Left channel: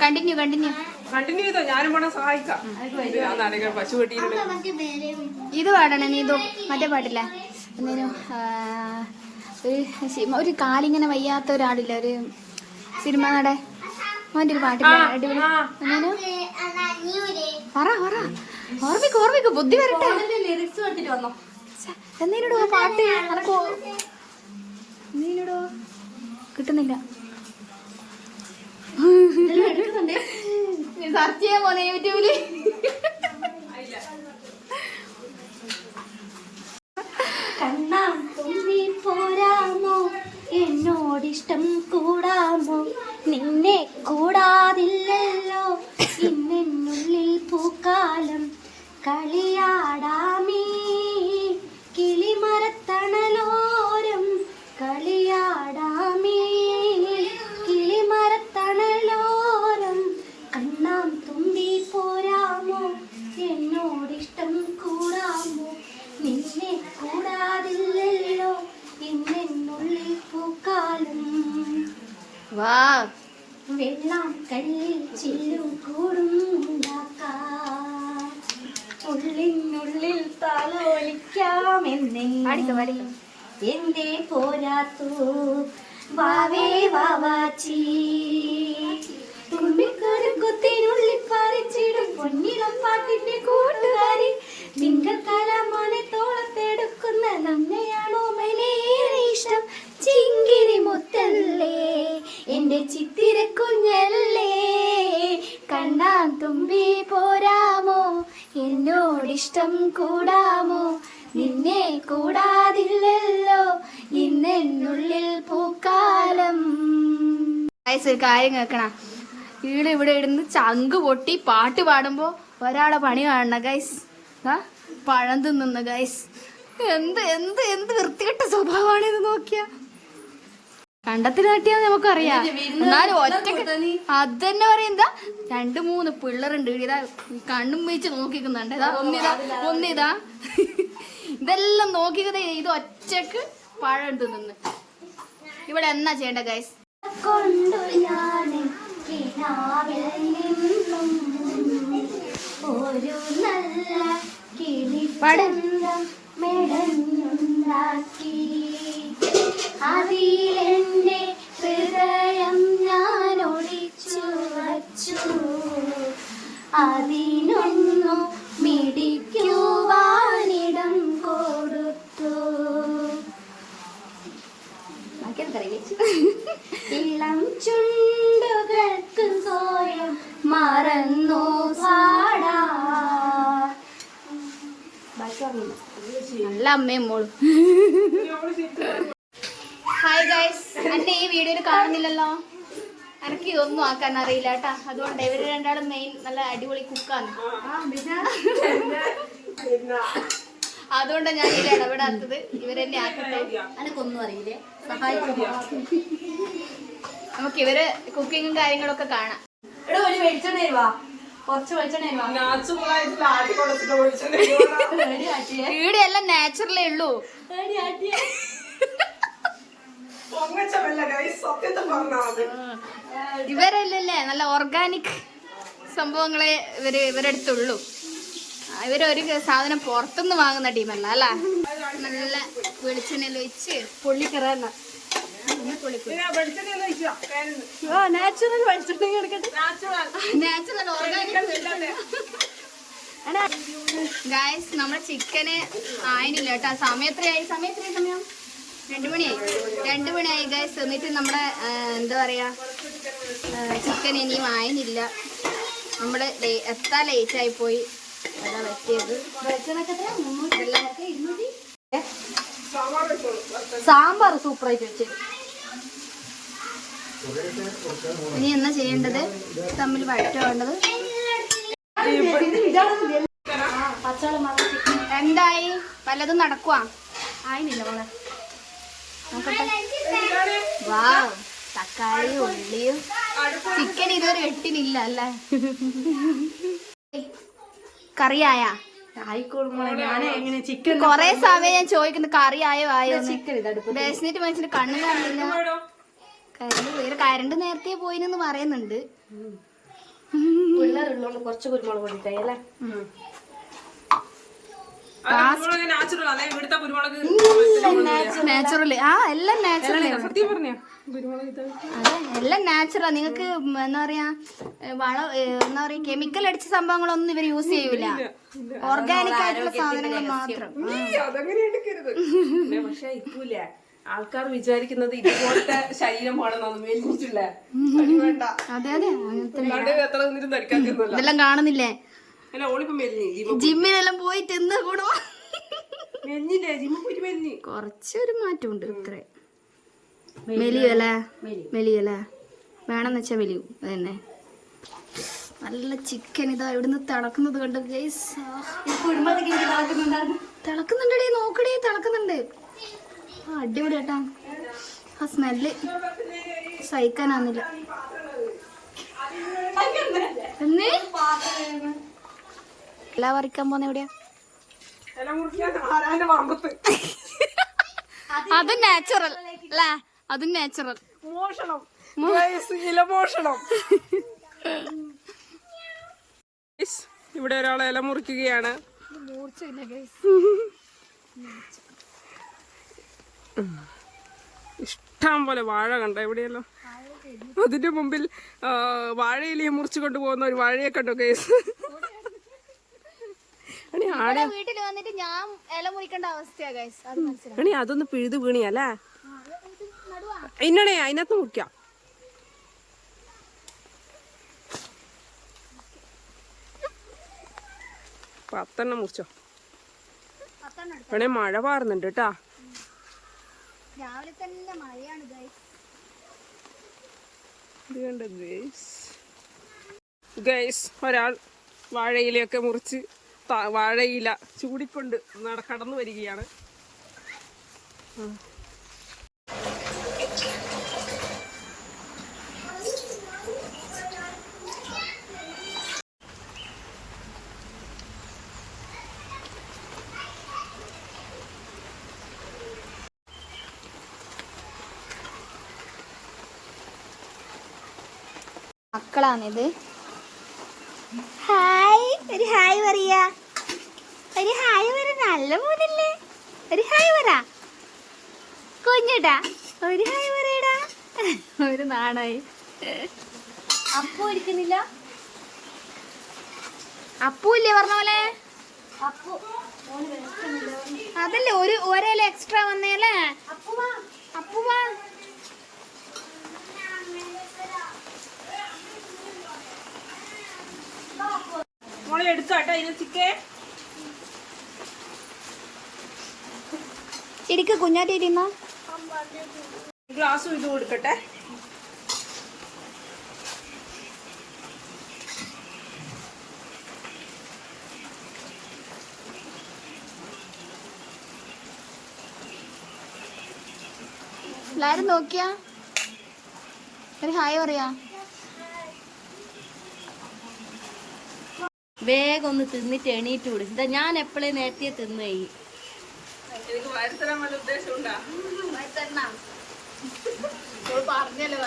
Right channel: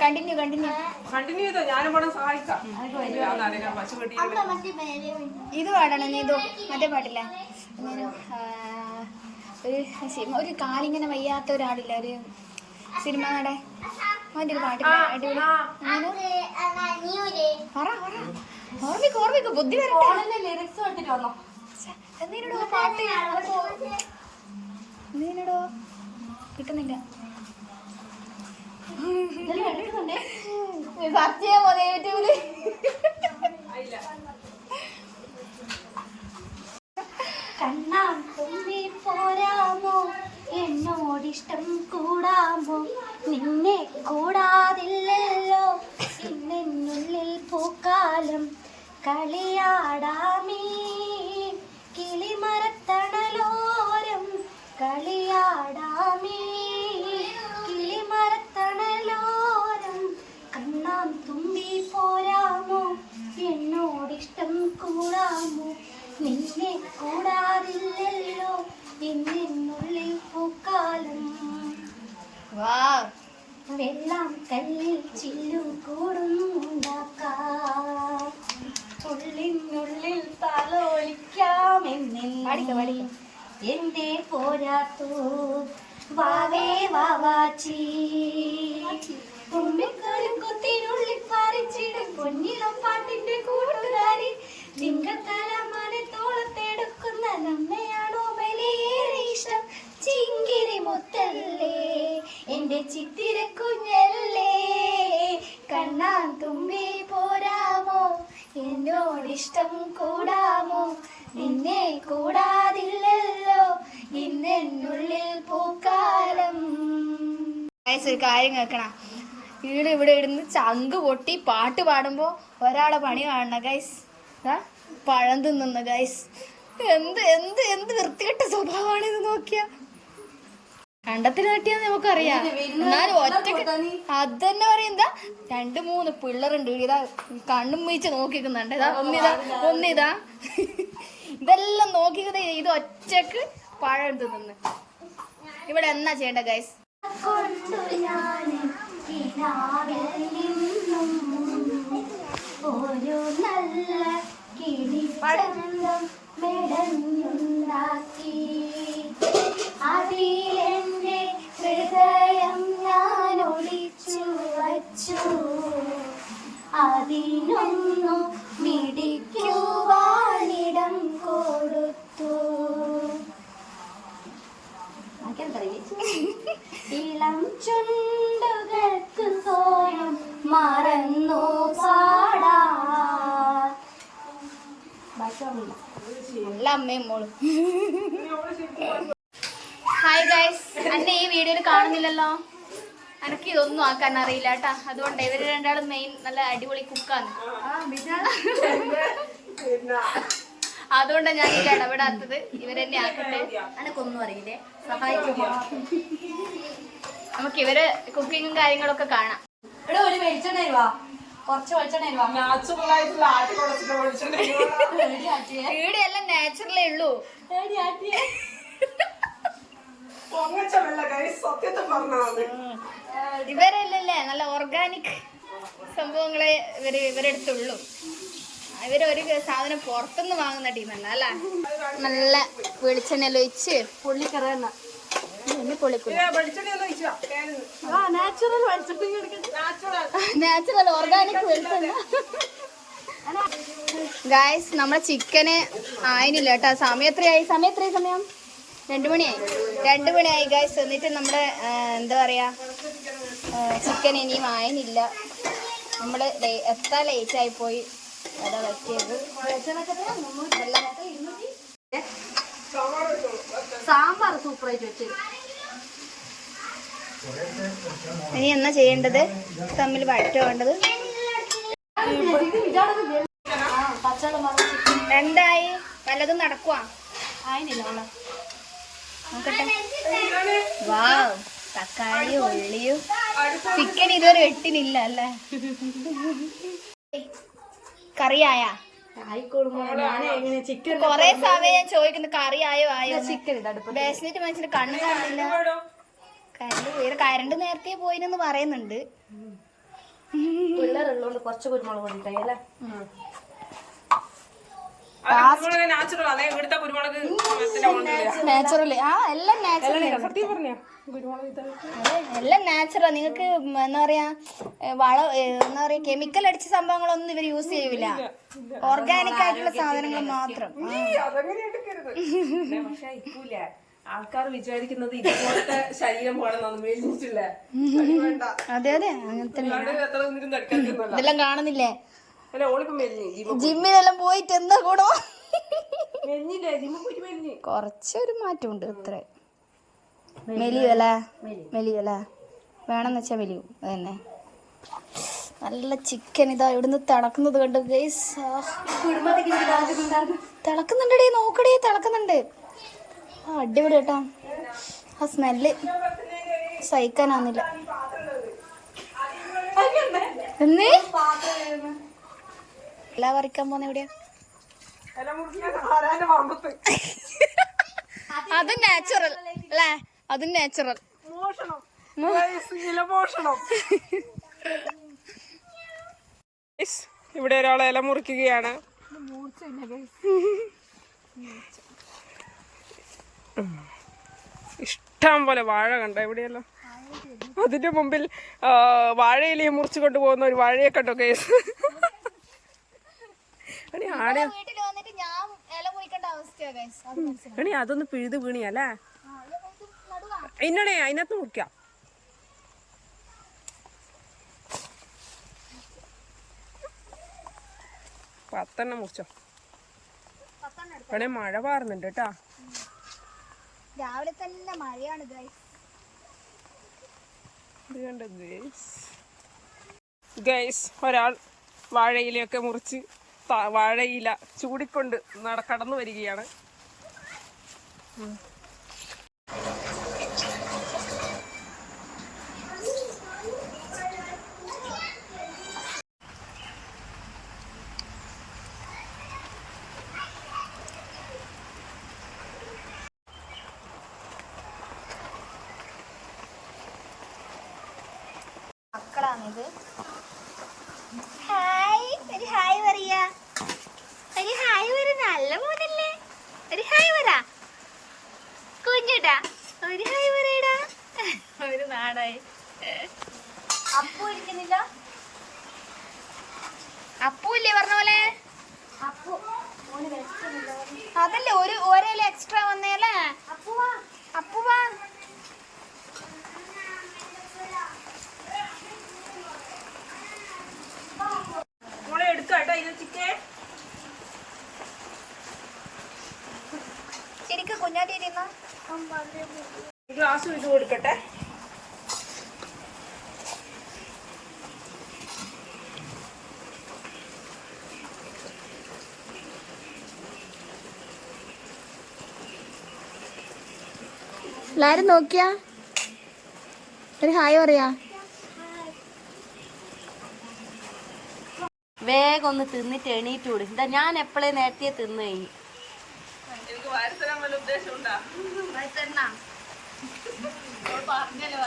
Continue ചെയ്തോ, ഞാനും വേണം സഹായിക്കാം. ഇത് പാടണേ നീ ഇതോ മറ്റേ പാട്ടില്ല ഒരു കാലിങ്ങനെ വയ്യാത്ത ഒരാളില്ല ഒരു സിനിമ നട അവൻ്റെ ഒരു പാട്ടില്ല അടിപൊളി ഓർമ്മിക്കും ബുദ്ധി വരട്ടെ ലിറിക്സ് കണ്ടിട്ട് വന്നോ എന്നീടോ പാട്ട് എന്നീടോ കിട്ടുന്നില്ല സെർച്ച് ചെയ്യാൻ പോലെ യൂട്യൂബില് കണ്ണാം തുമ്പി പോരാമോ എന്നോടിഷ്ടം കൂടാമോ നിന്നെ കൂടാതില്ലല്ലോ ഇന്നെന്നുള്ളിൽ പൂക്കാലം കളിയാടാമീ കിളിമരത്തണലോരം കളിയാടാമീ കിളിമരത്തണലോരം കണ്ണാം തുമ്പി പോരാമോ എന്നോടിഷ്ടം കൂടാമോ നിന്നെ കൂടാതില്ലല്ലോ ഇന്നെന്നുള്ളിൽ പൂക്കാലം വെള്ളം കല്ലിൽ ചില്ലും കൂടും ഉണ്ടാക്കാം ഉള്ളിനുള്ളിൽ താലോലിക്കാമെന്നെ എന്തേ പോരാത്തു വാവേ വാവാച്ചി കുത്തിനുള്ളിൽ പറിച്ചിടും പൊന്നിളം പാട്ടിന്റെ കൂട്ടുകാരി തിങ്കൽക്കാലമാനെ തോളത്തെടുക്കുന്ന നമ്മയാണോ മലയേറെ ഇഷ്ടം ചിങ്കിരി മുത്തല്ലേ എന്റെ ചിത്തിര കുഞ്ഞല്ലേ കണ്ണാൻ തുമ്പി പോരാമോ എന്നോടിഷ്ടം കൂടാമോ നിന്നെ കൂടാതില്ലല്ലോ ഇന്നെന്നുള്ളിൽ പൂക്കാലം. ഒരു കാര്യം കേൾക്കണം, ഇവിടെ ഇടുന്ന് ചങ്ക് പൊട്ടി പാട്ട് പാടുമ്പോ ഒരാളെ പണി കാണണം ഗൈസ്. പഴം തിന്നുന്ന ഗൈസ്. എന്ത് എന്ത് എന്ത് വൃത്തികെട്ട സ്വഭാവമാണ് ഇത് നോക്കിയ. കണ്ടത്തിന് തട്ടിയാ നമുക്കറിയാം, എന്നാലും ഒറ്റക്ക് അത് തന്നെ പറയുന്നതാ. 2-3 പിള്ളേരുണ്ട്, ഇതാ കണ്ണും വീച്ച് നോക്കിക്കുന്നുണ്ട്. ഇതാ ഒന്നിതാ ഇതെല്ലാം നോക്കിക്കതേ. ഇത് ഒറ്റക്ക് പഴം തിന്നുന്നു. ഇവിടെ എന്നാ ചെയ്യണ്ട ഗൈസ്? ഒരു നല്ല മെടഞ്ഞുണ്ടാക്കി അതിലെന്റെ ഹൃദയം ഞാൻ ഒളിച്ചു വച്ചു അതിനൊന്നു മിടിക്കുവാനിടം കൊടുത്തു ഇളം ചുണ്ടുകൾക്ക് സ്വയം മറന്നു പാടാ. നല്ല അമ്മയും മോളും. ഹായ് ഗൈസ്, എന്നെ ഈ വീഡിയോയിൽ കാണുന്നില്ലല്ലോ. എനിക്ക് ഇതൊന്നും ആക്കാൻ അറിയില്ല കേട്ടാ. അതുകൊണ്ട് ഇവര് രണ്ടാളും മെയിൻ നല്ല അടിപൊളി കുക്കാണ്. അതുകൊണ്ടാണ് ഞാൻ ഇതിൽ ഇടപെടാത്തത്. ഇവരെന്നെ ആക്കട്ടെ. എനിക്കൊന്നും അറിയില്ലേ, സഹായിക്കുമോ? നമുക്ക് ഇവര് കുക്കിങ്ങും കാര്യങ്ങളൊക്കെ കാണാം. ഇവിടെ ഒരു വെളിച്ചെണ്ണ തരുവാ, കുറച്ച് വെളിച്ചെണ്ണ തരുവാ. ഇവിടെ എല്ലാം നാച്ചുറലേ ഉള്ളൂ. ഇവരല്ലേ നല്ല ഓർഗാനിക് സംഭവങ്ങളെ ഇവരെടുത്തുള്ളൂ. ഇവരൊരു സാധനം പുറത്തുനിന്ന് വാങ്ങുന്ന ടീമല്ല അല്ല. നല്ല വെളിച്ചെണ്ണ ഒഴിച്ച് പൊള്ളിക്കറന്ന നാച്ചുറൽ ഓർഗാനിക് വെളിച്ചെണ്ണ. ഗായ്സ്, നമ്മളെ ചിക്കന് ആയിട്ടില്ല കേട്ടോ. സമയം 2 മണിയായി ഗായ്സ്. എന്നിട്ട് നമ്മുടെ എന്താ പറയാ ചിക്കൻ ഇനിയും ആയിട്ടില്ല. നമ്മള് എത്താൻ ലേറ്റായി പോയി. അതാ പറ്റിയത്. സാമ്പാർ സൂപ്പറായിട്ട് വെച്ചത്. ഇനി എന്നാ ചെയ്യേണ്ടത്? തമ്മിൽ വഴറ്റാവേണ്ടത്. എന്തായി? വല്ലതും നടക്കുവാ? ആയില്ല മോളെ, നോക്കട്ടെ. വാവ്, തക്കാളിയും ഉള്ളിയും ചിക്കൻ ഇതുവരെ വെട്ടിനില്ല അല്ലേ? കറിയായ കൊറേ സമയം ഞാൻ ചോദിക്കുന്നു കറിയായോ ആയോ. ബേസിനിട്ട് മനുഷ്യന് കണ്ണു കാണുന്നില്ല. കരണ്ട് നേരത്തെ പോയിന്ന് പറയുന്നുണ്ട്. പിള്ളേരുള്ളതുകൊണ്ട് കുറച്ച് കുരുമുളക് പൊടി ഇട്ടേ അല്ലേ. നാച്ചുറൽ അതെ ഇവിടുത്തെ കുരുമുളക് നാച്ചുറൽ. ആ എല്ലാം നാച്ചുറൽ. സത്യം പറഞ്ഞ കുരുമുളക് അതെ എല്ലാം നാച്ചുറൽ. നിങ്ങൾക്ക് എന്താ പറയാ എന്താ പറയാ കെമിക്കൽ അടിച്ച സംഭവങ്ങളൊന്നും ഇവർ യൂസ് ചെയ്യൂല. ഓർഗാനിക് ആയിട്ടുള്ള സാധനങ്ങൾ മാത്രം. അതങ്ങനെ എടുക്കരുത്. പക്ഷെ ഇപ്പൂല ആൾക്കാർ വിചാരിക്കുന്നത് ഇതുപോലത്തെ ശരീരം വേണമെന്നാണ് മെലിഞ്ഞിട്ടില്ല. അതെ അതെ അങ്ങനത്തെ എത്ര നിന്നിട്ടും തടിക്കാതിരുന്നല്ല. ഇതെല്ലാം കാണുന്നില്ലേ അല്ല ഓളിപ്പോ മെലിഞ്ഞി ജിമ്മിനെല്ലാം പോയിട്ട് എന്താ കൂടോ മെലിഞ്ഞില്ലേ ജിമ്മ് പോയിട്ട് മെലിഞ്ഞി. കൊറച്ചൊരു മാറ്റമുണ്ട്. ഇത്ര മെലിയല്ലേ മെലിയല്ലേ വേണമെന്ന് വെച്ചാ മെലിയും. അതന്നെ നല്ല ചിക്കൻ ഇതാ ഇവിടുന്ന് തിളക്കുന്നത് കണ്ട് ഗൈസ്. തിളക്കുന്നുണ്ടേ നോക്കടേ തിളക്കുന്നുണ്ട്. ആ അടിപൊളി കേട്ടാ. ആ സ്മെല്ല് സഹിക്കാനാന്നില്ല. എന്നേ എല്ലാ പറിക്കാൻ പോന്ന എവിടെയാ? അതും നാച്ചുറൽ അല്ലേ? അതും നാച്ചുറൽ. മോഷണം മോഷണം. ഇവിടെ ഒരാളെ ഇല മുറിക്കുകയാണ്. ഇഷ്ടം പോലെ വാഴ കണ്ട എവിടെയല്ലോ. അതിന്റെ മുമ്പിൽ വാഴയിലയെ മുറിച്ചു കൊണ്ടുപോകുന്ന ഒരു വാഴയെ കണ്ടോ കേസ്. വീട്ടിൽ വന്നിട്ട് ഞാൻ ഇല മുറിക്കേണ്ട അവസ്ഥയാ ഗൈസ്. എണി അതൊന്ന് പിഴുത് വീണിയല്ലേ ഇന്നണേ അതിനകത്ത് മുറിക്കാം. പത്തെണ്ണം മുറിച്ചോ. വേണേ മഴ പാറുന്നുണ്ട് കേട്ടാ. രാവിലെ തന്നെ മഴയാണ് ഗൈസ്. ഒരാൾ വാഴയിലയൊക്കെ മുറിച്ച് വാഴയില ചൂടിക്കൊണ്ട് കടന്നു വരികയാണ്. മക്കളാണിത്. ഹായ് ഒരു ഹായ് പറയാ. ഒരു ഹായ് പറ. നല്ല മൂന്നല്ലേ. ഒരു ഹായ് പറ കുഞ്ഞിട്ടാ. ഒരു ഹായ് പറയടാ. ഒരു നാണായി. അപ്പു ഇരിക്കുന്നില്ല. അപ്പൂല്ലേ പറഞ്ഞ പോലെ. അപ്പു അതല്ലേ ഒരേല എക്സ്ട്രാ വന്നേല്ലേ. അപ്പുവാ ഇരിക്ക് കുഞ്ഞാട്ടിരുന്നോ. ഗ്ലാസ് ഒഴിച്ചു കൊടുക്കട്ടെ. എല്ലാരും നോക്കിയാ ഒരു ഹായ് പറയാ. വേഗം ഒന്ന് തിന്നിട്ട് എണീറ്റ് വിടും. ഇതാ ഞാൻ എപ്പോഴേ നേരത്തെ തിന്നു കഴിഞ്ഞു. പറഞ്ഞല്ലോ